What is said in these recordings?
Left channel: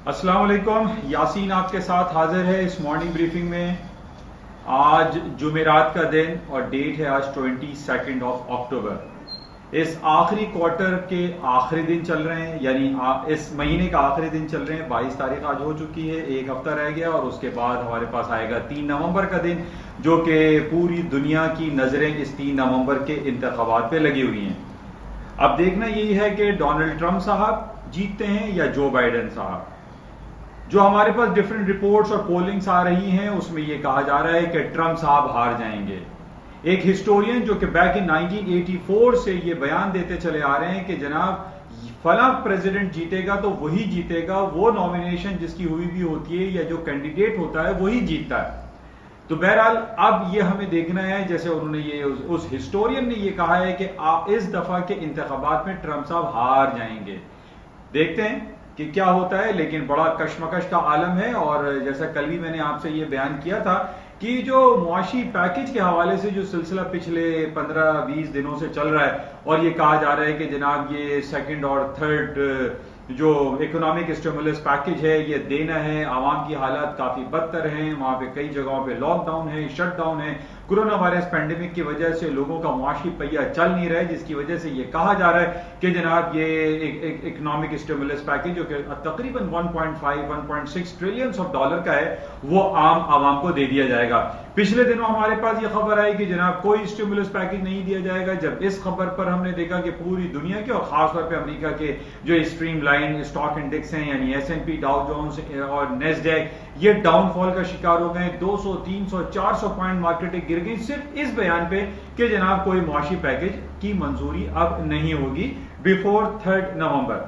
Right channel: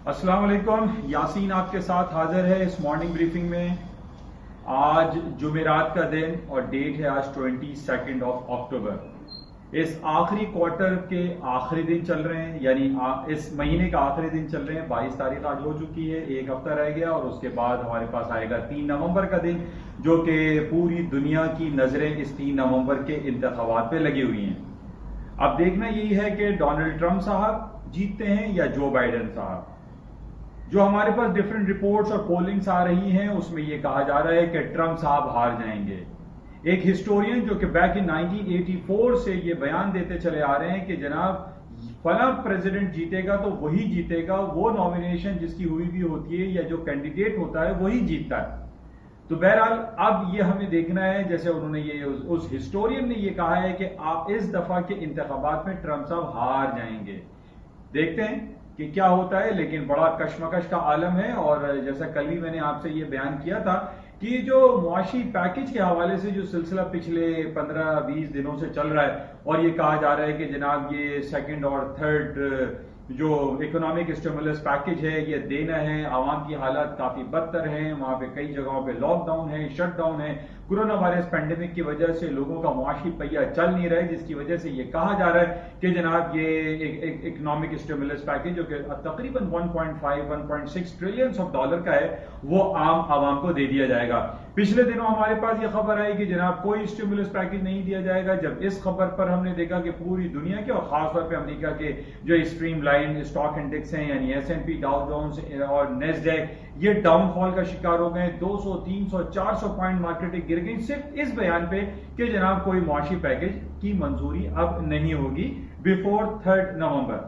अस्सलाम वालेकुम। यासीन आपके साथ हाजिर है इस मॉर्निंग ब्रीफिंग में। आज जुमेरात का दिन और डेट है आज 22 अक्टूबर। इस आखिरी क्वार्टर के आखिरी दिन चल रहे हैं, यानी इस महीने का आखिरी दिन चल रहे हैं। 22 तारीख आज हो चुकी है, एक हफ्ता रह गया और उसके बाद हमारे पास आएगा 3 नवंबर का दिन, जो कि पूरी दुनिया की नज़रें इस 3 नवंबर के इंतखाबात पे लगी हुई हैं। अब देखना यही है कि डोनाल्ड ट्रंप साहब जीतते हैं या जो बाइडेन साहब। जो हमारे पास डिफरेंट रिपोर्ट्स और पोलिंग्स आ रही हैं उसमें यह कहा जा रहा है कि ट्रंप साहब हार जाएंगे। एक हिस्टोरियन जो कि बैक इन 1984 से ये बयान देते चले आ रहे हैं कि जनाब फला प्रेसिडेंट जीतेगा तो वही जीतेगा, वो नॉमिनेशन जिसकी हुई भी होती है या जो कैंडिडेट होता है वही जीतता है। तो बहरहाल अब ये हमें देखना है, जैसे उन्होंने ये उस हिस्टोरियन ने ये कहा है कि इस दफा के इंतखाबात में ट्रंप साहब हार जाएंगे। देखते हैं कि क्या होता है, लेकिन बड़ा कशमकश का आलम है। और जैसा कल भी मैंने आपसे ये बयान किया था कि जो मुआशी पैकेज के हवाले से जो सिलसिला पिछले 15-20 दिनों से चल रहा है और ये कहा जा रहा है कि जनाब ये सेकंड और थर्ड जो इकोनॉमिक स्टिमुलस पैकेज है ये देना है, आवाम की हालात काफ़ी बदतर हैं, वहाँ पे कई जगहों पे लॉकडाउन है, शटडाउन है, कोरोना वायरस पैंडेमिक की वजह से लोगों का मुआशी पहिया चल नहीं रहा है, जिसकी वजह से ये कहा जा रहा है कि जनाब ये एक इकोनॉमिक स्टिमुलस पैकेज जो कि तकरीबन 1.5-1.6 ट्रिलियन ऑफ डॉलर का है वो आम आवाम को दे दिया जाएगा। पिछले दिनों हमारे पास ये खबर आई कि जनाब कोई स्टिमुलस पैकेज नहीं दिया जाएगा। जब इस खबर पर हमने देखा कि पूरी दुनिया के और खासतौर पे अमेरिका के जो स्ट्रीमलाइन स्टॉक इंडेक्स हैं यानी S&P, डाउ जोन्स और नेस्डैक, ये डाउनफॉल का शिकार हो गए। 200, 300, 400 पॉइंट मार्केटें गिर गई सिर्फ इस बयान पे कि जनाब कोई मुआशी पैकेज की मंजूरी अब नहीं होगी बिफोर 3 नवंबर।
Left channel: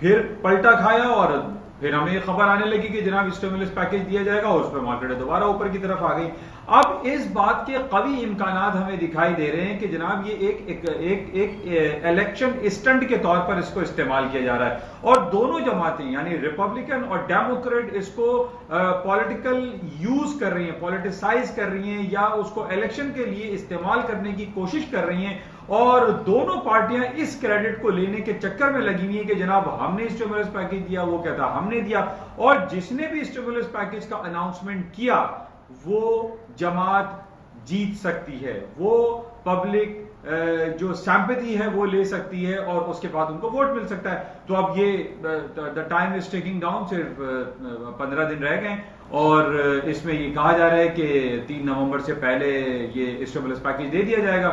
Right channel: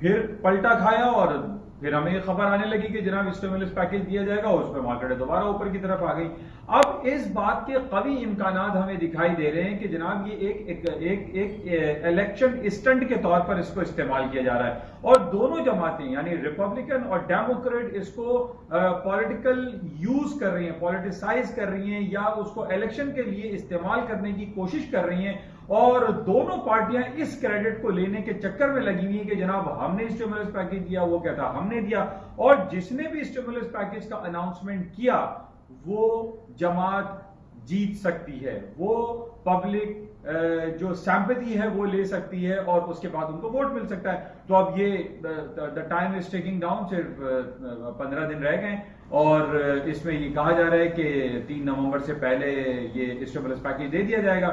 फिर पलटा खाया और फिर हमें खबर आने लगी कि जनाब स्टिमुलस पैकेज दिया जाएगा और उस पर मार्केट दोबारा ऊपर की तरफ आ गई। अब इस बात के कवी इम्कानात हमें दिखाई दे रहे हैं कि जनाब ये एक इलेक्शन स्टंट के तौर पर इसको इस्तेमाल किया जा रहा है और दोनों जमातें यानी रिपब्लिकन और डेमोक्रेट इसको पॉलिटिकल यूज कर रही हैं, पॉलिटिसाइज कर रही हैं या उसको इलेक्शन के लिए इस्तेमाल करने की कोशिश कर रही हैं। और दोनों पार्टियां इस क्रेडिट को लेने के चक्कर में लगी हुई है कि जनाब हमने स्टिमुलस पैकेज दिया, वो कहता हमने दिया। और जिसने भी स्टिमुलस पैकेज का अनाउंसमेंट किया वो जमात जीत सकती है, वो पब्लिक जो सैंपैथी है वो ले सकती है और उसके बाद उनको वोट मिल सकता है। तो अब ये the time is taking down, सिर्फ 15 दिन रह गए और इसमें ये कहा जा रहा है कि 3 नवंबर से पहले ये स्टिमुलस पैकेज दे दिया जाएगा।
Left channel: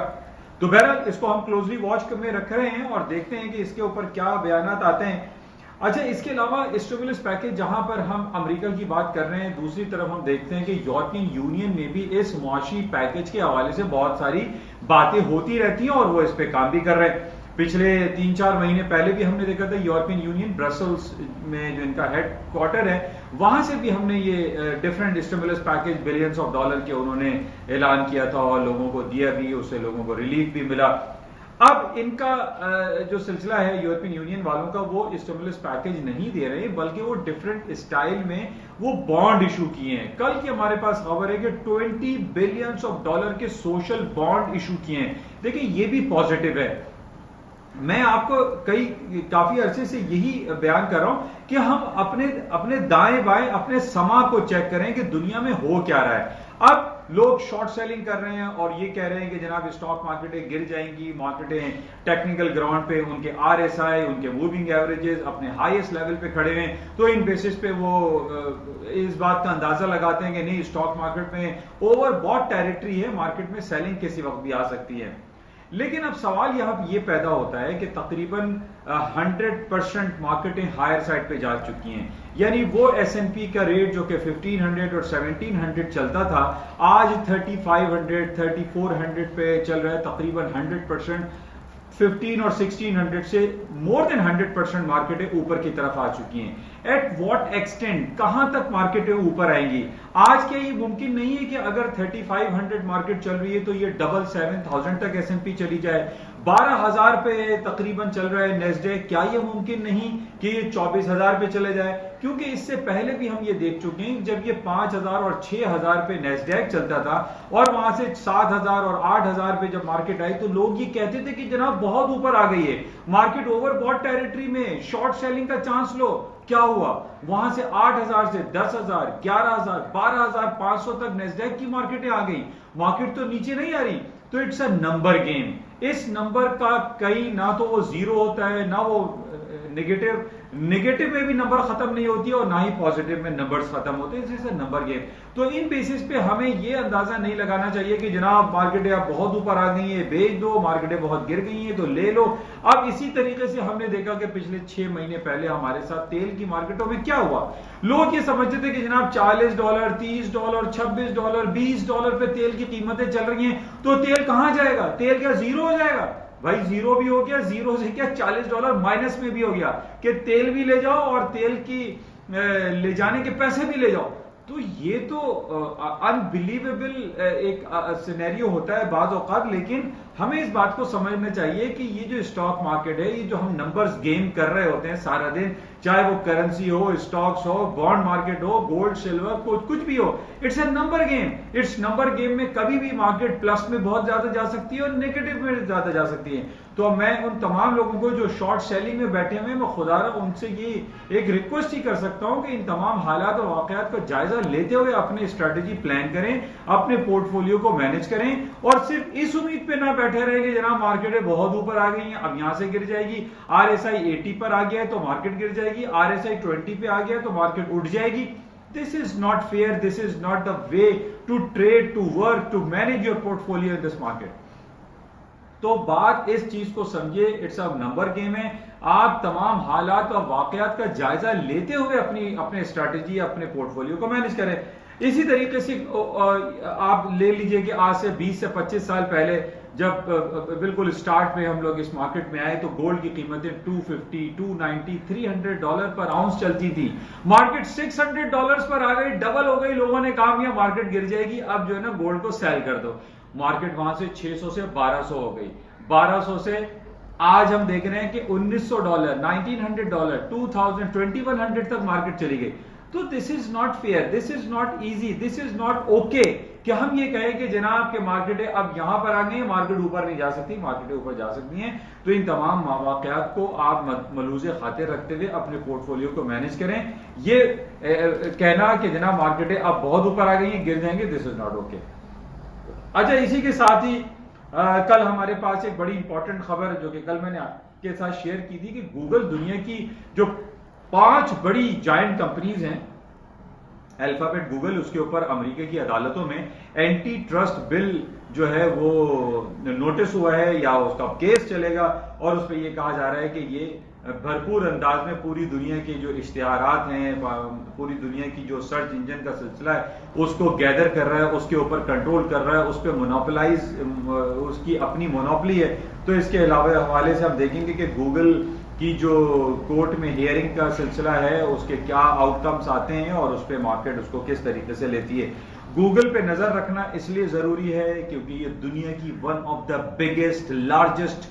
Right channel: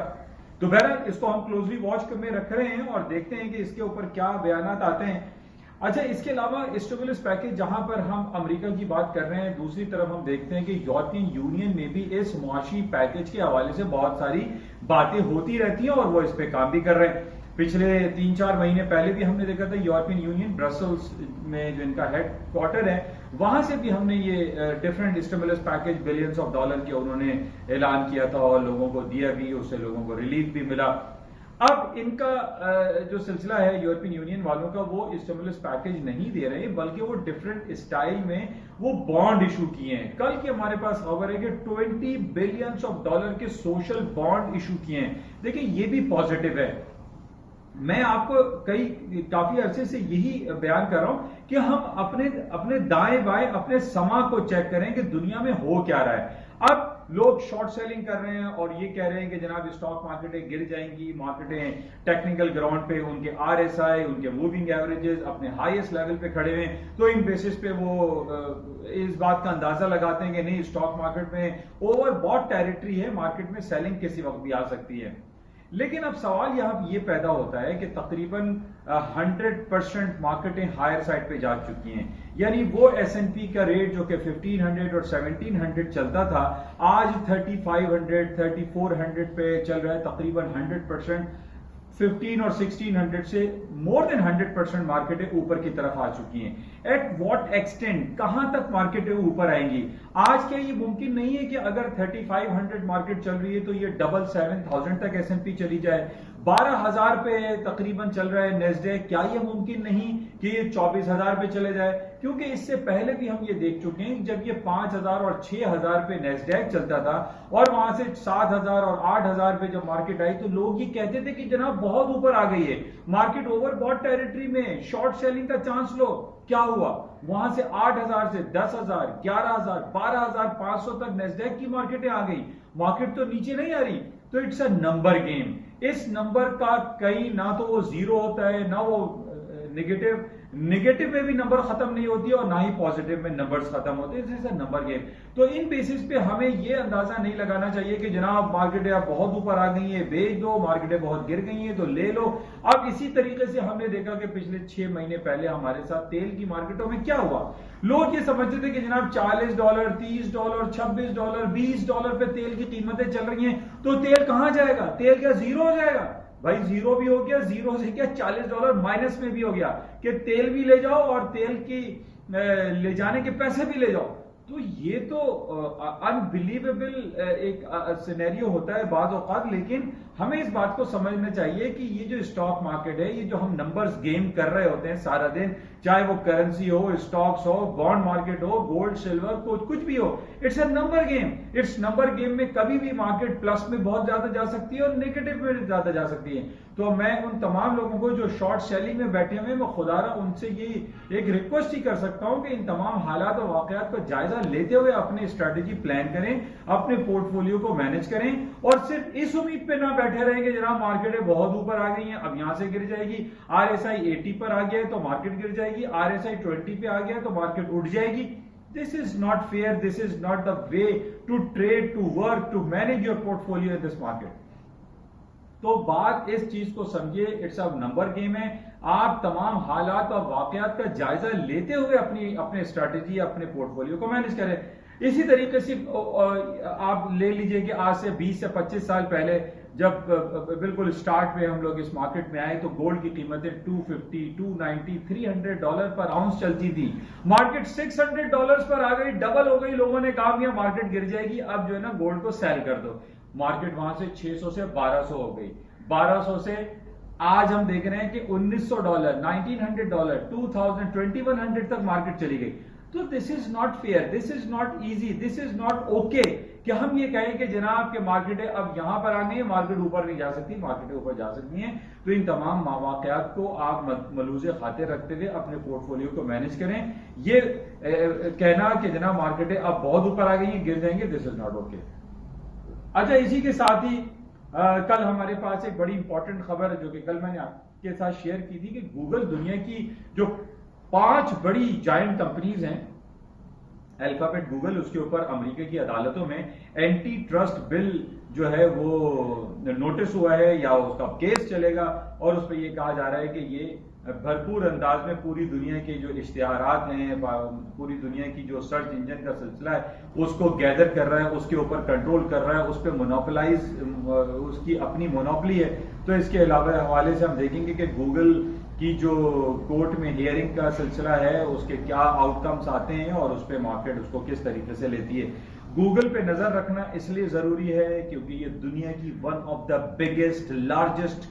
तो बहरहाल इसको हम क्लोजली वॉच में रख रहे हैं और देखते हैं कि इसके ऊपर क्या बयानात आते हैं। अच्छा, इसके अलावा स्टिमुलस पैकेज जहां पर हम अमेरिका की बात कर रहे हैं, दूसरी तरफ हम देखते हैं कि यूरोपियन यूनियन में भी इस मुआशी पैकेज के हवाले से बहुत सारी बातें होती रहती हैं और वो इस पे काम भी कर रहे हैं। पिछले 3-4 महीने पहले भी हमने देखा था यूरोपियन यूनियन ब्रसल्स में जो इनका हेड क्वार्टर है वहां से भी हमने ये different stimulus package billions of dollar के उन्होंने ऐलान किया था और लोगों को दिया भी, उससे लोगों को रिलीफ भी मिला। अब इनका जो सिलसिला है यूरोपियन यूनियन वालों का, वो स्टिमुलस पैकेज नहीं दे रहे बल्कि वो डिफरेंट स्टाइल में वो बॉन्ड इशू किए हैं। कल की हमारे पास खबर है कि 20 बिलियंस ऑफ डॉलर के सोशल बॉन्ड इशू किए हैं। देखिए ये भी पॉजिटिव है। मैं आपको काफी अरसे से यही बयान कर रहा हूं कि हम अपने दाएं बाएं अपने समा को चेक करें कि दुनिया में हो क्या रहा है। अब लोग शॉर्ट सेलिंग कर रहे हैं और ये कह रहे हैं कि जनाब स्टॉक मार्केटें गिर जाएंगी, मार्केटें टेक्निकल ग्राउंड पे उनके RSI, उनके मूविंग एवरेजेस अपने हाईएस्ट लेवल पे खड़े हैं, तो इन बेसिस पे वो इस बात का अंदाजा लगाते हैं कि नहीं, स्टॉक मार्केट में ओवरबॉट टेरिटरी है, मार्केट में सेलिंग किसी वक्त भी आ सकती है। लेकिन अब सवाल यहां ये पैदा होता है कि तकरीबन 100% मार्केटें हायर साइड पे जा चुकी हैं, यानी वो S&P का रेट जो कि 1500 और 1700 चलता था आज 3500 3400 पे चल रहा है। तकरीबन 100% 15 और 1600 से मोर देन 100% मार्केटें ऊपर की तरफ आ चुकी हैं। एट व्हाट एक्सटेंट, कहां तक मार्केटें ऊपर आएंगी? आज क्या ये मुमकिन नहीं है कि अगर 3500 मार्केट चल रही है तो ये डबल 7000 तक S&P चली जाए? 12,000 पे तकरीबन चल रहा है नेस्डेक। क्या ये मुमकिन नहीं कि ये 24,000 पे चले जाए? क्योंकि इससे पहले भी हम ये देख चुके हैं जब ये 5,000 और 6,000 पे नेस्डेक चलता था और वहां से 7,000 और 8,000 पे जब मार्केट आई तो लोग ये कहते थे कि जनाब बहुत ऊपर आ गई है, मार्केट ओवरबॉट टेरिटरी में, शॉर्ट सेलिंग का चांस लो। क्या हुआ? वहां से 8,000 से 10,000, 11,000, 12,500 तक नेस्डेक की मार्केटें आ गई। मार्केट तो नीचे नहीं आ रही। तो इट्स अ नंबर गेम। इस नंबर का कई ना तो वो जीरो होता है, ना वो नेगेटिव में भी नंबर खत्म नहीं होती और ना ही पॉजिटिव में नंबर्स खत्म होते हैं। It's a number game. तो इन बेसिस पे हमें ये अंदाजा नहीं लगाना चाहिए कि जनाब मार्केटें अब बहुत ऊपर आ गई है, बेच दो, मार्केटें बहुत गिर गई हैं तो ले लो। अब इसी तरीके से हमने देखा कि पिछले 6 महीने पहले हमारे साथ तेल की मार्केटों में क्या हुआ। लोग ये समझते थे कि जनाब $40, $30, $26, $20 पे तेल की कीमतें चल रही हैं तो तेल कहां जाएगा? तेल क्या जीरो हो जाएगा? भाई जीरो भी हो गया, जीरो से क्या $40 माइनस में भी हो गया कि तेल भी ले जाओ और तेल की ले जाने के पैसे भी ले जाओ। तो ये तो अनबिलीवेबल एक सिनेरियो होता है बाज़ औक़ात। लेकिन हमें इस बात को समझना चाहिए कि ये जो स्टॉक मार्केट है, ये जो हम नंबर्स गेम कर रहे होते हैं सारा दिन, चाहे वो करेंसी हो, स्टॉक्स हो, बॉन्ड मार्केट हो, गोल्ड सिल्वर, कुछ भी हो, it's a number game. It's number game में कभी भी मार्केट प्लस में बहुत ज्यादा जा सकती है और नेगेटिव में ज्यादा जा सकती है। तो मैं उन तमाम लोगों को जो शॉर्ट सेलिंग में बैठे हुए, मैं खुदारा उनसे ये एक रिक्वेस्ट ही कर सकता हूं कि इन तमाम हालात और वाकयात का जायजा लेते हुए अपनी स्ट्रेटेजी प्लान करें, अपने पोर्टफोलियो को मैनेज करें और सिर्फ इस उम्मीद पे ना बैठे रहें कि जनाब मार्केटें बहुत ऊपर आ गई हैं, अब यहां से गिर जाएगी। RSI 80 पर आ गया है तो मार्केट गिर जाएगी, RSI 20 पे आ गया है तो मार्केट उठ जाएगी। This is not fair. This is not the way to trade, to work, to manage your portfolio in this market. तो बात इस चीज को समझिए, इट्स अ नंबर गेम है। आप तमाम हालात और वाकयात का जायजा लेते हुए अपने स्ट्रैटेजी, अपने पोर्टफोलियो को मैनेज करें। इसी तरीके से आप ले लीजिए कि आज से 20 से 25 साल पहले जब बिल्कुल स्टार्ट में हम लोग इस मार्केट में आए तो गोल्ड की कीमतें $250, $290, $300 पर आउंस चलती थी। मार्केट $600 पर आ गई, डबल हो गई। लोगों ने कहा मियां मार्केट गिर जाएगी, अब जो है ना गोल्ड को सेल कर दो। मार्केट वहां से 600 से 1200 हो गई, 1200 से आज हम देख रहे हैं कि $1,900, $1,900, 2000, 2100 तक मार्केट चली गई। तो this is not fair, this is not easy, this is not okay कि हम ये कहें कि जनाब के मार्केटें अब यहां पर आ गई हैं, मार्केट ऊपर नहीं जा सकती, मार्केटें ऊपर जा सकती हैं। तो इन तमाम वाकयात को आप मलूज़े खातिर रखते हुए अपने पोर्टफोलियो को मैनेज करें। ये कहना कि जनाब मार्केटें अब बहुत ऊपर आ गई हैं, गिर जाएंगे, दिस इज नॉट ओके। अच्छा, इसी के साथ ही कल हमारे पास एक बड़ी इंपॉर्टेंट खबर जो कि कल मैंने आपके साथ शेयर की थी कि गूगल दुनिया की जो 5 बड़ी जायंट कंपनीज हैं, अल्फाबेट, गूगल, उसके ऊपर अमेरिका की अदालतों में एंटी ट्रस्ट बिल जो है वो नोटिस हुआ है या उसका केस चलेगा और उस पर यह कहा जा रहा है कि ये भरपूर अंदाज में पूरी दुनिया के जो इश्तिहारात हैं, पूरी दुनिया की जो सर्च इंजन का सिलसिला है उसको गैदर कर रहा है, उसके ऊपर कंट्रोल कर रहा है, उस पर मोनोपलाइज, उसकी अपनी मोनोपली है। तो इसके अलावा हवाले से हम देखेंगे कि गूगल की जो कोर्ट में हियरिंग का सिलसिला है उसके क्या आउटकम्स आते हैं और उस पर मार्केट उसको किस तरीके से लेती है। गूगल पे नजर रखना इसलिए जरूरी है क्योंकि ये दुनिया की one of the biggest largest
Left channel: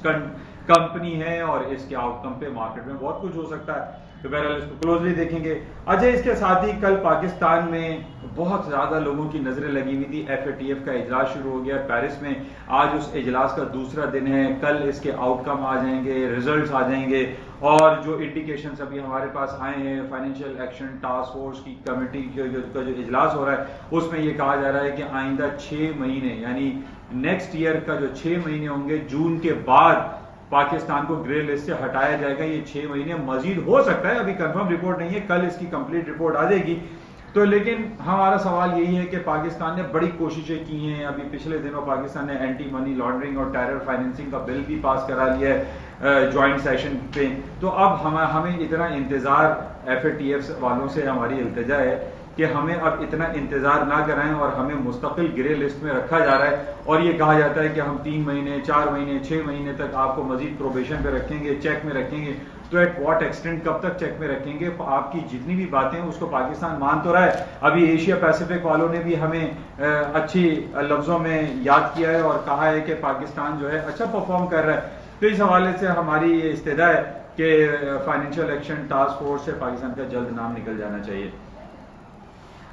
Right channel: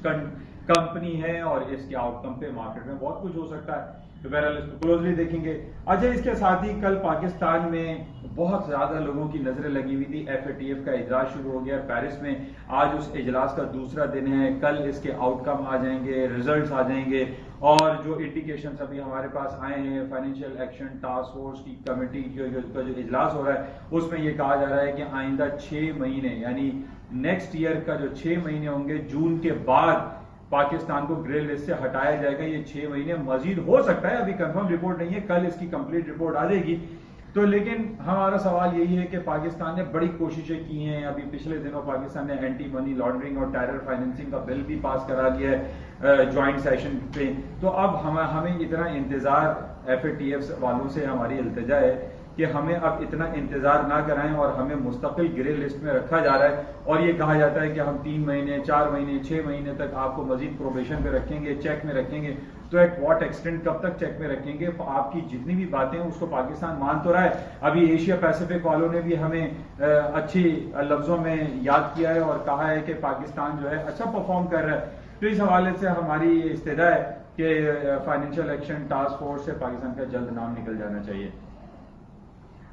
company है और इसके आउटकम पे मार्केट में बहुत कुछ हो सकता है। तो बहरहाल इसको क्लोजली देखेंगे। अच्छा, इसके साथ ही कल पाकिस्तान में बहुत ज्यादा लोगों की नजरें लगी हुई थी। FATF का इजलास शुरू हो गया पेरिस में, आज उस इजलास का दूसरा दिन है। कल इसके आउटकम आ जाएंगे, रिजल्ट्स आ जाएंगे और जो इंडिकेशंस अभी हमारे पास आए हैं, फाइनेंशियल एक्शन टास्क फोर्स की कमेटी का जो इजलास हो रहा है उसमें यह कहा जा रहा है कि आइंदा 6 महीने यानी नेक्स्ट ईयर का जो 6 महीने होंगे, जून के बाद पाकिस्तान को ग्रे लिस्ट से हटाया जाएगा। ये 6 महीने मजीद हो सकता है, अभी कंफर्म रिपोर्ट नहीं है, कल इसकी कंप्लीट रिपोर्ट आ जाएगी। तो लेकिन हमारा सवाल यही है कि पाकिस्तान ने बड़ी कोशिशें की हैं। अभी पिछले दिनों पाकिस्तान ने एंटी मनी लॉन्ड्रिंग और टेरर फाइनेंसिंग का बिल भी पास करा लिया है ज्वाइंट सेशन पे। तो अब हमें इतना इंतजार FATF वालों से हमारी इल्तिजा है कि हमें अब इतना इंतजार ना कराएं और हमें मुस्तकिल ग्रे लिस्ट में रखा जा रहा है और ये कहा जाता है कि हम 3 महीने, 4 महीने, 6 महीने तक आपको मजीद प्रोबेशन पे रखेंगे, चेक में रखेंगे। तो एट व्हाट एक्सटेंट, कब तक चेक में रखेंगे? आपकी जितनी भी बातें हैं उसको पाकिस्तान मान तो रहा है। अभी एशिया पैसिफिक वालों ने भी हमें अच्छी लफ्जों में याद किया है और कहा है कि पाकिस्तान जो है अच्छा परफॉर्म कर रहा है। तो इस हवाले से हमारी ये इस्तदा है कि फाइनेंशियल एक्शन टास्क फोर्स से पाकिस्तान का जल्द नाम निकल जाना चाहिए।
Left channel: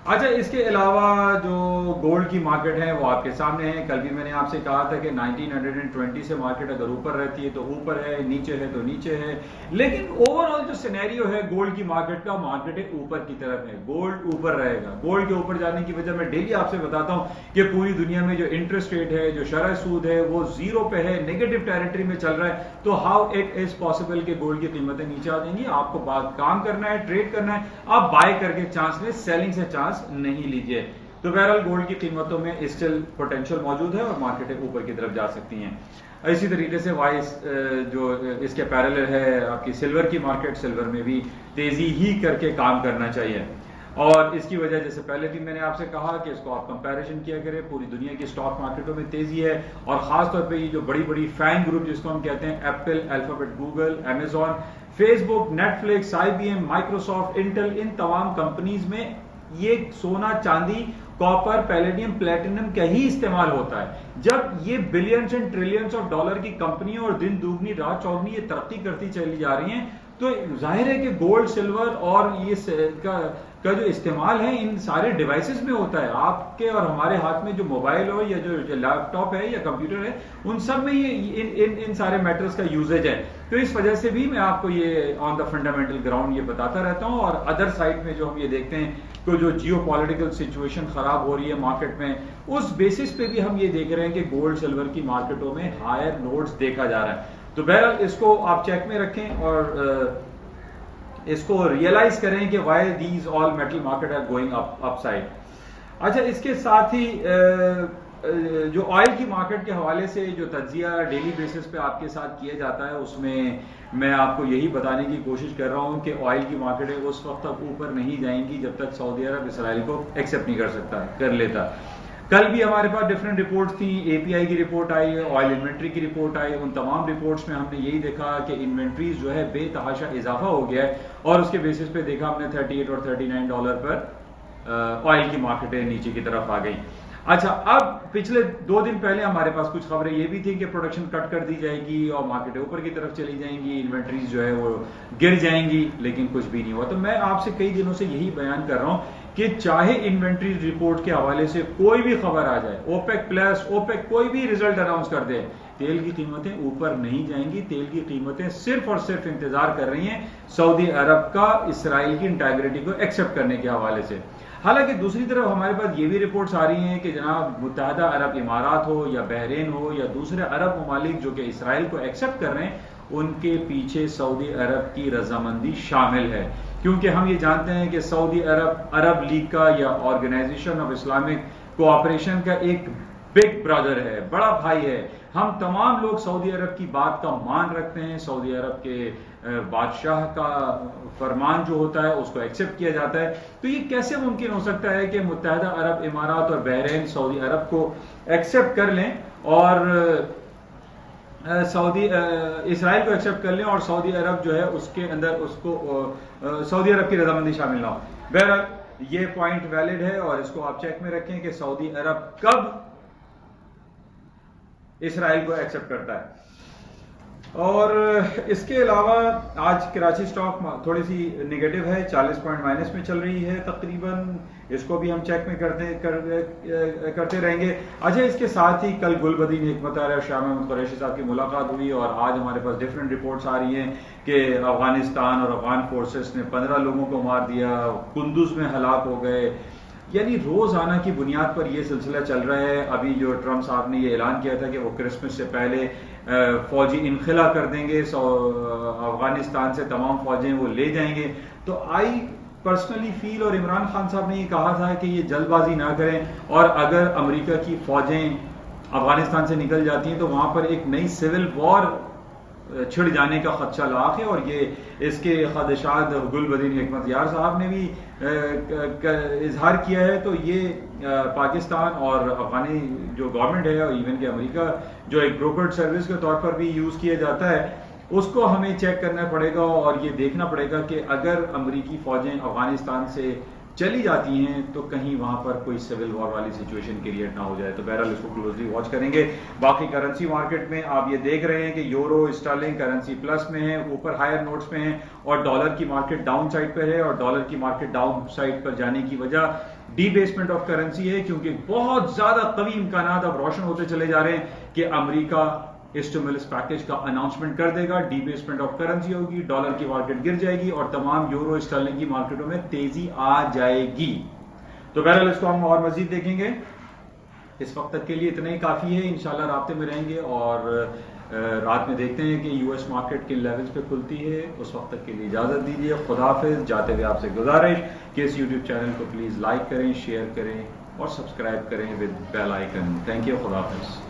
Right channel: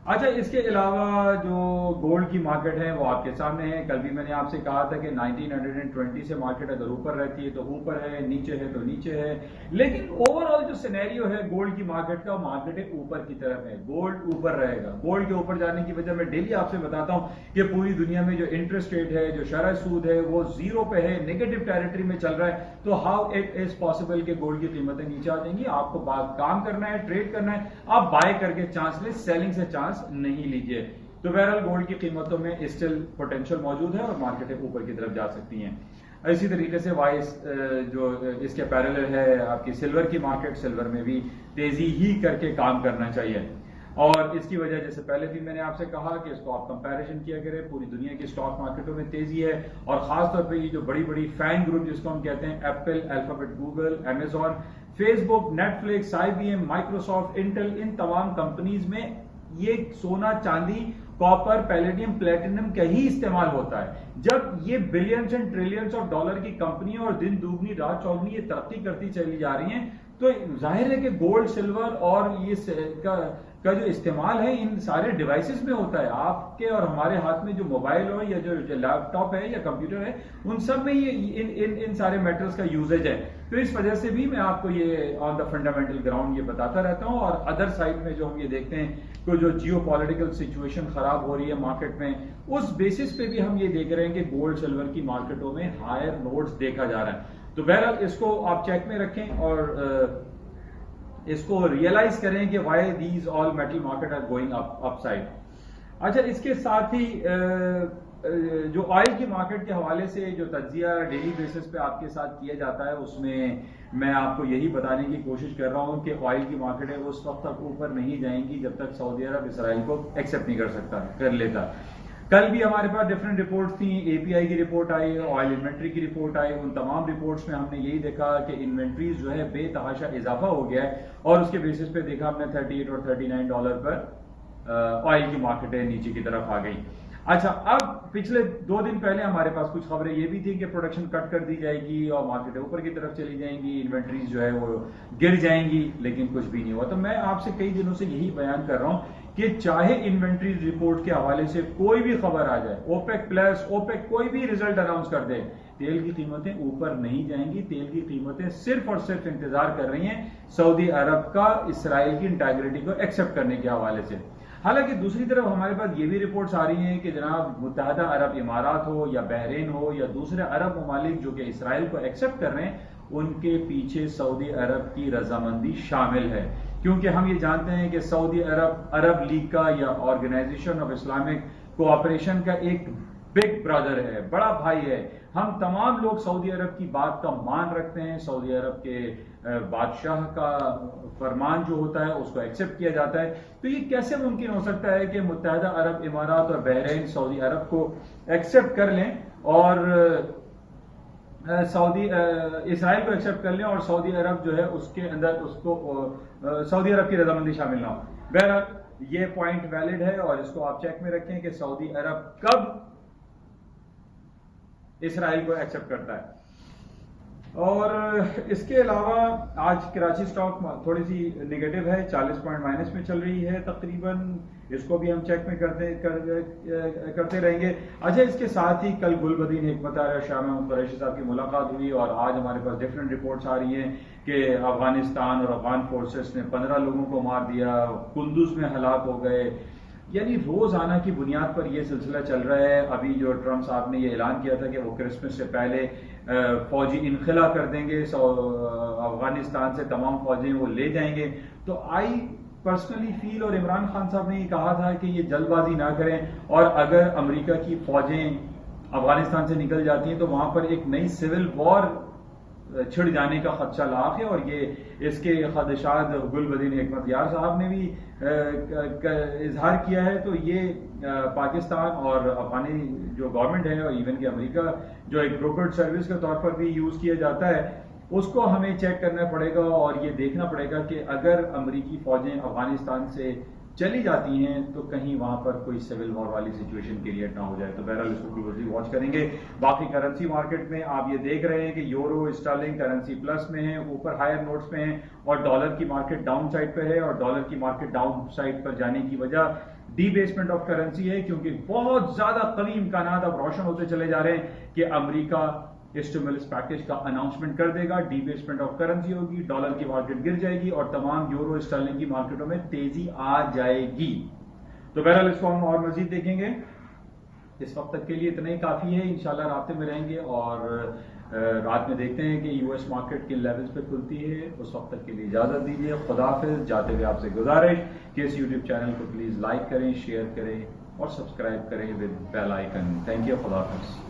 अच्छा, इसके अलावा जो गोल्ड की मार्केट है वो आपके सामने है। कल भी मैंने आपसे कहा था कि 1920 से मार्केट अगर ऊपर रहती है तो ऊपर है, नीचे है तो नीचे है, लेकिन ओवरऑल जो सिनेरियो है गोल्ड की मार्केट का, मार्केट है ऊपर की तरफ है, गोल्ड ऊपर रहेगा। गोल्ड के ऊपर जाने की वजह मैं डेली आपसे बताता हूं कि पूरी दुनिया में जो इंटरेस्ट रेट है, जो शरह सूद है, वो जीरो पे है, नेगेटिव टेरिटरी में चल रहा है। तो हाउ इट इज पॉसिबल कि गोल्ड की कीमतें नीचे आ जाएंगी? आपको काम करना है, ट्रेड करना है, आप बाय करके चांस लें, सेलिंग से चांस नहीं लीजिए। तो बहरहाल गोल्ड की कीमतों में स्टिल पोटेंशियल मौजूद है और मार्केटें ऊपर की तरफ जा सकती हैं। इसी तरीके से वाइस जो इसके पैरेलल है आपकी सिल्वर की मार्केट, सिल्वर में भी तेजी ही करके काम करना चाहिए। और इसकी वजह, जैसे पहले भी मैंने आपसे कहा कि इसको आप कंपैरिजन किया करें, पूरी दुनिया की स्टॉक मार्केटों में तेजी है और खास तौर पे ये जो बड़ी बड़ी फैंग ग्रुप जिसको हम कहते हैं, Apple, Alphabet, Google, Amazon, Facebook, Netflix, IBM, Microsoft, Intel, इन तमाम कंपनीज में ये सोना, चांदी, कॉपर, पैलेडियम, प्लेटिनम का ही इस्तेमाल होता है। जब ये billions and trillions of dollar की कंपनियां और दिन दुगनी रात चौगनी ये तरक्की करती चली जा रही हैं, तो जाहिर है कि गोल्ड, सिल्वर और ये का जो इस्तेमाल है इन सारे डिवाइसेस में होता है। आपके और हमारे हाथ में जो मोबाइल हो या जो लैपटॉप है या कंप्यूटर है, उन सब में ये इन सारे मेटल्स का यूजेज है। तो इस वजह से भी मैं आपको ये ऑन द फंडामेंटल ग्राउंड ये बताता रहता हूँ। और अदर साइड में जो हम ये देखते हैं कि जो जियो पॉलिटिकल सिचुएशन खराब हो रही है मार्केट में, उस बेसिस पे भी हम ये देख रहे हैं कि गोल्ड सिल्वर की मार्केटों में हायर नोट्स देखा जा रहा है। तो बहरहाल इसको आप चेक में रखें और इसको रियलाइज करें कि why these all metal market are going upside. अच्छा, इसके साथ ही जो ऑयल की मार्केट के हवाले से जो तज्जिया डेली बेसिस पे आपके साथ किया जाता है, उसमें मैं आपको यही बताने की कोशिश कर रहा हूं कि ऑयल की मार्केटें उस वक्त तक ऊपर नहीं जाएंगी जब तक सऊदी अरब इसराइल को एक्सेप्ट नहीं कर लेता। कल भी हमारे पास डिफरेंट रिपोर्ट्स थी, API की रिपोर्ट आई, ऑयल इन्वेंट्री की रिपोर्ट आई। उन तमाम रिपोर्ट्स में हमने यही देखा कि इन्वेंट्रीज जो है बेतहाशा इजाफा हो गया है और उसके बेसिस पे देखा हमने 38 और 39 डॉलर पर ऑयल की मार्केटें नीचे की तरफ आ गई। अच्छा, अब पिछले 2 दिन पहले हमारे पास कुछ खबरें ये भी थी कि प्रोडक्शन कट कर दी जाएगी और मार्केटें ऊपर की तरफ चली जाएंगी, इन्वेंट्रीज जो है वो गिर जाएंगी, लेकिन कुछ भी नहीं हुआ। तो मैं आपसे कई दिनों से यही बयान कर रहा हूं कि चाहे इन्वेंट्री रिपोर्ट के हवाले से कोई भी खबर आ जाए, ओपेक प्लस, ओपेक कोई भी रिजल्ट अनाउंस कर दे, तेल की कीमतें ऊपर नहीं जाएंगी। तेल की कीमतें सिर्फ और सिर्फ इंतजार कर रही हैं सऊदी अरब का इसराइल की इंटीग्रिटी को एक्सेप्ट करने के हवाले से। हालांकि दूसरी तरफ हमारे पास ये भी रिपोर्ट्स आ रही हैं कि जनाब मुत्तहदा अरब इमारात हो या बहरीन हो या दूसरे अरब ममालिक जो कि इसराइल को एक्सेप्ट कर रहे हैं, उनके पीछे सऊदी अरब की रजामंदी शामिल है। क्योंकि हम ये जानते हैं कि सऊदी अरब लीग का या ऑर्गेनाइजेशन ऑफ इस्लामिक कोऑपरेशन का एक बिग ब्रदर है, बड़ा भाई है। हम तमाम लोग सऊदी अरब की बात का मान रखते हैं, सऊदी अरब के बादशाह का फरमान जो होता है उसको एक्सेप्ट किया जाता है। तो ये कैसे मुमकिन हो सकता है कि मुत्तहदा अरब इमारात और बहरीन सऊदी अरब को एक्सेप्ट कर लें और इसराइल को एक्सेप्ट कर लें और सऊदी अरब जो है उसके अंदर उसको सऊदी अरब की रजामंदी शामिल ना हो। बहरहाल ये पॉइंट वैलिड है और इसको आप चेक में रखें कि सऊदी अरब कब इसराइल को एक्सेप्ट करता है। और इसके अलावा आज कराची स्टॉक थोड़ी सी नेगेटिव है, 40 पॉइंट माइनस में चल रही है तकरीबन। इसको भी हम चेक में करते रहेंगे। अच्छा, इसके साथ ही कल गुलबदीन हिकमत और शाह महमूद कुरैशी साहब की मुलाकात हुई और आज हमारे पास डिफरेंट रिपोर्ट्स आ रही हैं कि अफगानिस्तान और अफगान फोर्सेस ने 15 लोगों को मार दिया, कुंदुज में हलाक हो गए। यानी रोजाना की बुनियाद पर यह सिलसिला चल रहा है। अभी जो ट्रम्प साहब ने ये ऐलान किया था कि वो क्रिसमस से पहले फौजी इनखिला कर देंगे, अफगानिस्तान से तमाम फौजें वो ले जाएंगे। तो आई पर्सनली फील, और इमरान खान साहब ने ये कहा था कि ये जल्दबाजी ना करें और अगर अमेरिका की फौजें अफगानिस्तान से निकल जाती हैं तो वहां पर एक नई सिविल वॉर छिड़ जाने का खदशा लाख है। और ये इसके खदशात गुलबदीन हिकमत यार साहब ने भी इजहार किया है। तो ये पाकिस्तान और अफगानी जो गवर्नमेंट है और इवन के अमेरिका जो एक ब्रोकर्ड सर्विस के तौर पर भी यूज किया जाता है, उसको हमें चेक करना पड़ेगा और ये देखना पड़ेगा कि अगर अमेरिकी फौजें अफगानिस्तान से चली जाती हैं तो कहीं वहां पर कोई सिविल वॉर वाली सिचुएशन क्रिएट ना हो जाए। तो बहरहाल इसको क्लोजली वॉच करेंगे। बाकी करेंसी मार्केट में आप ये देख रहे हैं कि यूरो स्टर्लिंग करेंसी प्लस में है, ऊपर हायर नोट्स में है, और डॉलर की मार्केट डाउन साइड पर है। और डॉलर की मार्केट डाउन साइड पर जाने की वजह डीबेसमेंट ऑफ करेंसी है, क्योंकि बहुत ज्यादा कवी इम्कानात अब रोशन होते चले जा रहे हैं कि अमेरिका स्टिमुलस पैकेज का अनाउंसमेंट कर देगा, डीबेसमेंट ऑफ करेंसी होगी, डॉलर की मार्केट गिर जाएगी और तमाम यूरो स्टर्लिंग की मार्केटों में तेजी आ जाएगी। तो बहरहाल इसको हम और मजीद देखेंगे। इस वक्त तक के लिए इतना ही काफी है। इंशाल्लाह राब्ते में रहेंगे और रात में देखते हैं कि यूएस मार्केट किन लेवल्स पे खुलती है। उस वक्त तक के लिए इजाजत दीजिए। खुदा हाफिज। जाते हुए आपसे गुजारिश कि इस यूट्यूब चैनल को प्लीज लाइक करें, शेयर करें और सब्सक्राइब करें with bell icon. Thank you. खुदा हाफिज।